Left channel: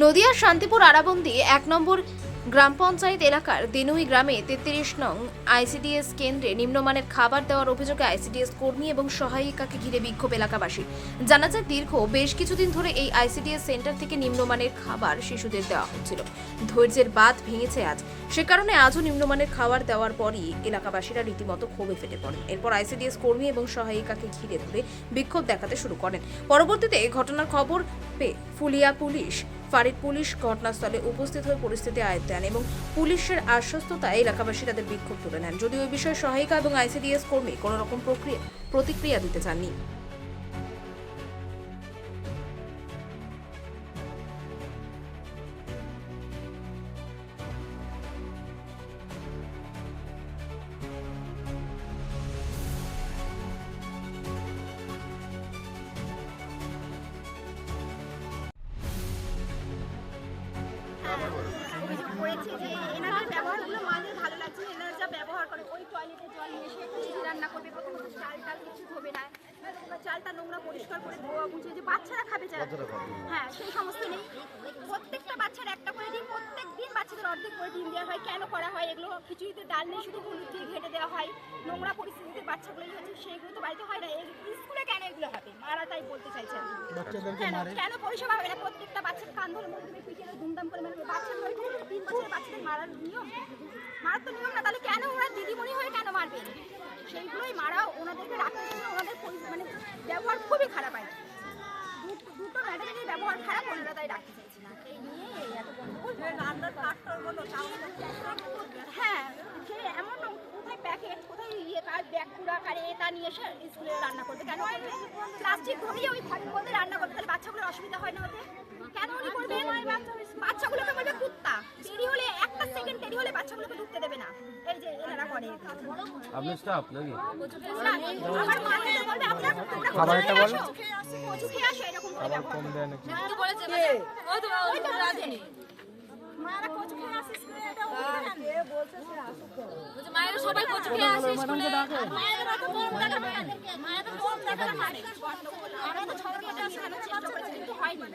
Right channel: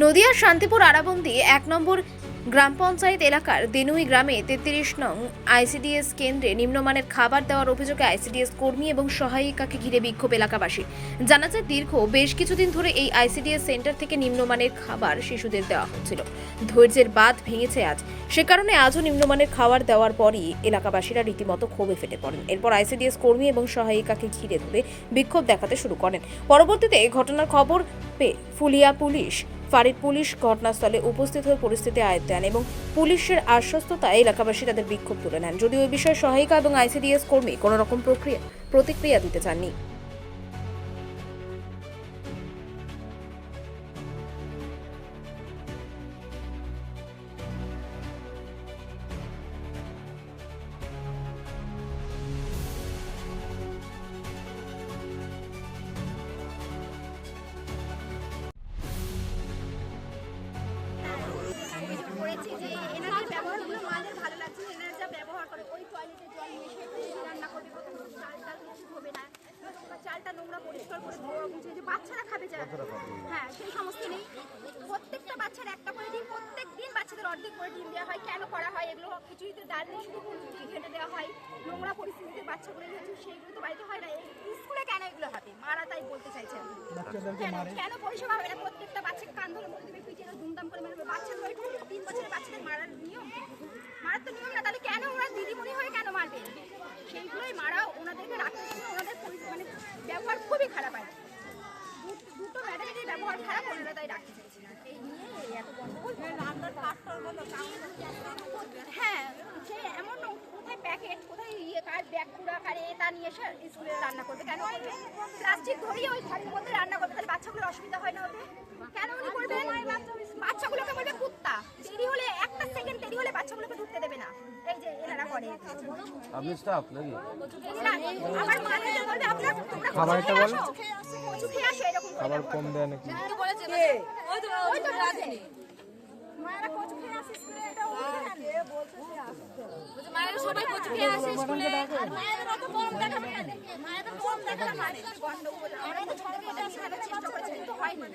নদিয়ার শান্তিপুর আরাবন্দী ১ নম্বর গ্রাম পঞ্চায়েত এলাকার দেনুই গ্রামে ৩৩ নং আইসিডিএস কেন্দ্রে নিম্নমানের খাবার দেওয়ার অভিযোগে আইসিডিএস কর্মী এবং সহায়িকাকে ঘিরে বিক্ষোভ এলাকাবাসী। জানা যায়, দীর্ঘ বেশ কিছুদিন ধরে এই আইসিডিএস সেন্টার থেকে নিম্নমানের খাবার শিশুদের দেওয়া হচ্ছিল। ধৈর্যের বাঁধ ভেঙেছে আজ। সে কারণে আজও নিম্নমানের খাবার দেওয়ার পরই এলাকাবাসীরা রীতিমতো ক্ষোভে ফেটে পড়েন। এরপর আইসিডিএস কর্মী এবং সহায়িকাকে ঘিরে ধরে বিক্ষোভ দেখাতে শুরু করেন। পরবর্তীতে ঘটনার খবর পেয়ে ফুলিয়া পুলিশ ফাঁড়ির পুলিশ ঘটনাস্থলে উপস্থিত হয়ে পরিস্থিতি আয়ত্তে আনে এবং পুলিশের আশ্বস্ততায় এলাকাবাসী তাদের বিক্ষোভ তুলে নেন। যদিও এই বিষয়ে সহায়িকা এবং আইসিডিএস কর্মী কোনো রকম প্রতিক্রিয়া দিতে চাননি। করেছে যে এনাদের ব্যবহারগুলো মাদের ভালো লাগছে। এনারা যা ব্যবহার করে, ওই টয়লেটে জল মিশিয়ে রান্না করবে, প্রথম চালটা কিছু ধোবে না, চালটা নোংরা পরিষ্কার করে ধোয়া বুঝে যে বাচ্চারা খাবে যারা, হ্যাঁ সেই সমস্ত নেই। প্রত্যেকটা বাচ্চার একটা করে ডিম, প্রত্যেক দিন বাচ্চাদের অর্ধেক করে ডিম দেওয়া হয়। কেন করা হয় এগুলো? খিচুড়িতে ডাল নেই, শুধু হলুদ দিয়ে ঘেটে দেওয়া হয়। নোংরা পরিস্থিতিতে বাচ্চাগুলো হচ্ছে, সেইগুলো তো বাড়িতে হয় না। স্কুলে কেন এগুলো হবে? মারা তাই বলতে চাইছে। কেন পরিষেবা হবে না? প্রত্যেকটা বাচ্চাকে কান ধরে বলতে দেবে, পিছিয়ে ধুমধাম করে মারবে। বাচ্চাদের 3 বছরের বাচ্চাদের মারার নিয়ম? মারার তো নিয়ম না, তাহলে কেন ওরা দিদিমণি হয়ে কেন মারবেন? সেইগুলোই মারা। ওনাদেরকে রাখতে চাই, ওনাদের মানে ব্যবহার খুবই খারাপ হয়। দুটো ম্যাডামের ব্যবহার খারাপ, ওনারা তাই রাখতে চাইছি না। এই নিয়ে এত গন্ডগোল। হ্যাঁ, সে এমন কোথায় প্যাকেট, কোথায় কার ব্যাগ পুরা কারে এটা নিয়ে এসে স্কুলে রান্না করবে। কেন করবে? প্লাস্টিক ধরিয়ে ওই ঘরের মধ্যে রান্না করবে, তাহলে বাচ্চাগুলোর অসুবিধা হয় না ওদের? কেন উনি করবে? বাচ্চাগুলোকে বলবে কুত্তা। দেরি হলে, একটা সেকেন্ড দেরি হলে বাচ্চাগুলোকে ঢুকতে দেবে না। এই যে এনারা করে। আপনি স্টাফ নাকি? আমার মাকে বলবে আপনারা খাবারটা বলো। কচু খেয়ে আসো, এরকম করে ব্যবহার করে। মায়েরা কচু খেয়ে আসে স্কুলে, এটা বলছে মায়েরা সবাই কচু খেয়ে আসে স্কুলে। মায়েদের অত গরম দেখা হয় না, মায়েদের গরম দেখা হয় না। আমরা তো ঝগড়া করতে আসি, চেষ্টা করেছি কিন্তু হয়নি।